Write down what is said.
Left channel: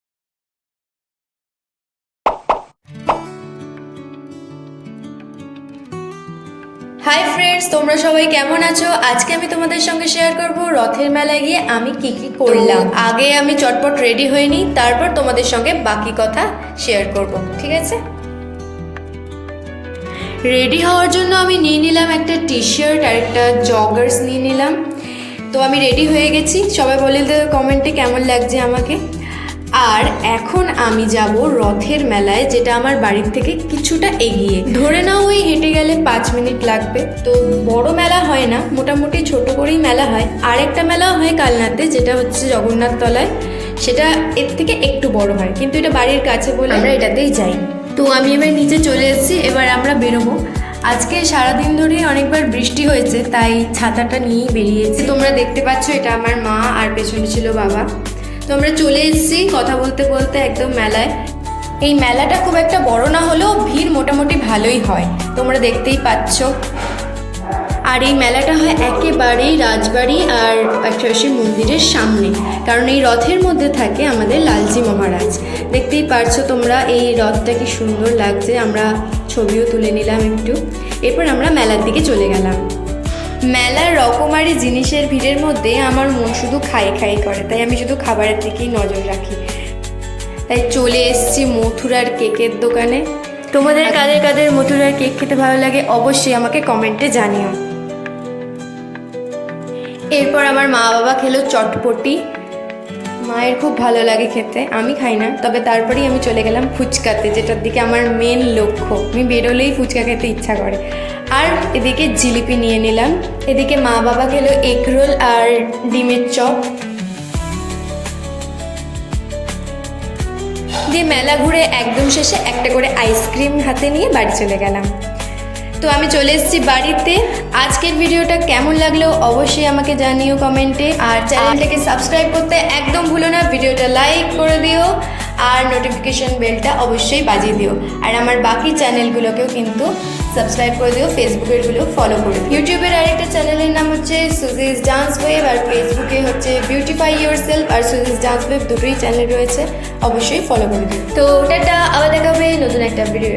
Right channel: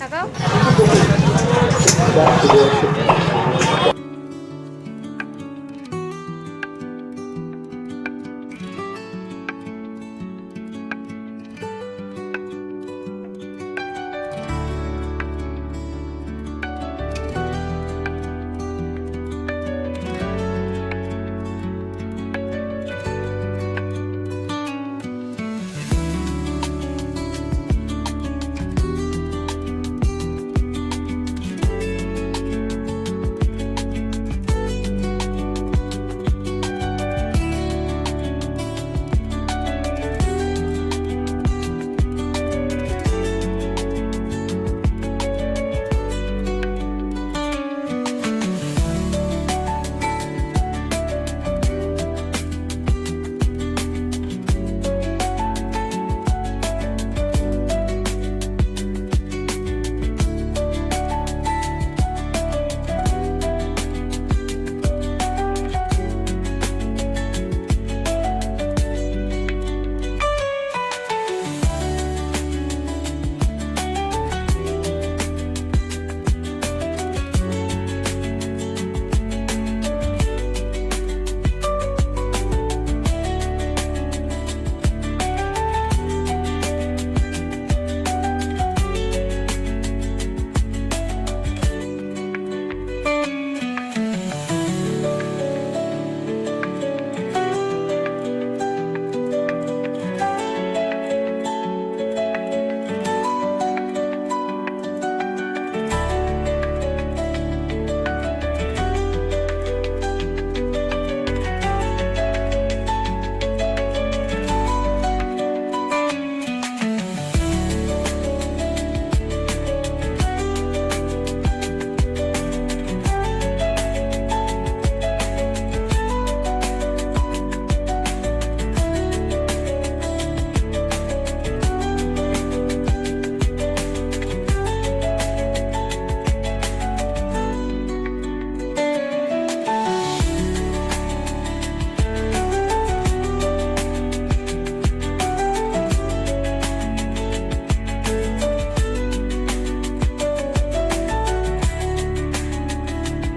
তাকাও। Hi friends, তোমরা সবাই কেমন আছো? আজকে আমি তোমাদের সঙ্গে শেয়ার করব রথের মেলায় গিয়ে আমি কি কি করলাম। আগে আমি চটপট রেডি হয়ে নিই, তারপর তোমাদের সঙ্গে বাকি কথা শেয়ার করব, ঠিক আছে? রেডি হওয়ার জন্য আমি নিয়ে নিলাম একটা টি শার্ট আর একটা জগার্স নিয়ে নিলাম। তো আমি রেডি হয়ে গেছি, সবাই বলে দেবে কমেন্টে কেমন লাগছে আমাকে। আর এখন আমি যাব রথের মেলায়, যেটা আমার বাড়ির থেকে কিছুটা এগিয়ে। ধরে নাও ওই হেঁটে গেলে 5 মিনিট লাগবে। তো বড় মেলা হয় না, মোটামুটি ছোট করেই মেলা হয়। আর একটা মেলা হয় কালনাতে, যেটা হচ্ছে জগন্নাথ তলায়, সেটা এর থেকে একটু বড় হয়, কিন্তু এটা বাড়ির কাছে বলে আমরা এটাতেই যাই। তো আমি এবার নিচে চলে এসেছি, এবার আমরা বেরোবো। আজকে সারাদিন ধরে অনেকবার বৃষ্টি হয়েছে, তাই ছাতাটা নিয়েই বেরিয়েছি। তোমরা দেখতে পাচ্ছ এটা আমার মা, আর পেছনে ছিল বাবা। তো আমরা চলে এসেছি কথা বলতে বলতে একদম মেলায়। এই মেলাটা খুব একটা বড় না হলেও ভিড় মোটামুটি ভালোই হয়, তোমরা দেখতেই পাচ্ছ। আর এই মেলাটা হয় একেবারেই রাজবাড়ি আর পাশাপাশি মন্দিরের সামনে, কারণ এই রথের মধ্যে থাকে আমাদের লালজি মহারাজ। দেখতেই পারছো তোমরা এই রথটা কি সুন্দর লাগছে। আমরা ছবিও তুলে নিলাম একটু, এরপর আমরা মেলার দিকে চলে গেলাম। মেলার রকমারি জিনিসের ভিড়ের মধ্যে আমার মন শুধু খাই খাই করে, তাই আমি শুধু খাবারের দিকেই নজর রাখি। তাই চলে এসেছি মথুরার কেকের দোকানে। তোমাদের কাদের কাদের মথুরার কেক খেতে ভালো লাগে অবশ্যই আমাকে কমেন্টে জানিও। এরপর আমার মা বাবা খেলো চটপটি। মায়ের খুব ভালো লাগে খেতে, আমি খাই না, তবে তারপরেই আমি চলে গেলাম ফুচকাতে, যেটার দিকে আমার মেন লক্ষ্য। আমি বেরোলেই ফুচকা খেতে ইচ্ছা করে। আর এদিকে জিলিপি নিয়ে নিলাম। এদিকে মা বাবা খেলো এগ রোল আর ডিমের চপ দিয়ে। মেলা ঘুরে একদম শেষে একটা করে আইসক্রিম হাতে নিয়ে বাড়ি চলে গেলাম। তো আমি চলে এসেছি বাড়িতে। আজকের ভিডিওটা কেমন লাগলো অবশ্যই আমাকে জানিও কমেন্টে। আর চ্যানেলটাকে সাবস্ক্রাইব করতে একদম ভুলো না, ভিডিওটা লাইক করে দিও আর নোটিফিকেশন বেলটা অবশ্যই বাজিয়ে দিও। আর আমার বাকি চ্যানেলগুলোকেও কিন্তু সাবস্ক্রাইব করে দিও, ফেসবুকেরগুলো ফলো করে। ইউটিউবের আরেকটা চ্যানেলের নাম হচ্ছে সুজিস ডান্স ওয়েভ, আর ফেসবুকে হচ্ছে বিউটিফাই ইয়োরসেলফ আর সুজিস ডান্স ওয়েভ, দুটোই চ্যানেল রয়েছে, অবশ্যই ফলো করে দিও। তো টাটা, আবার দেখা হবে নতুন একটা ভিডিও।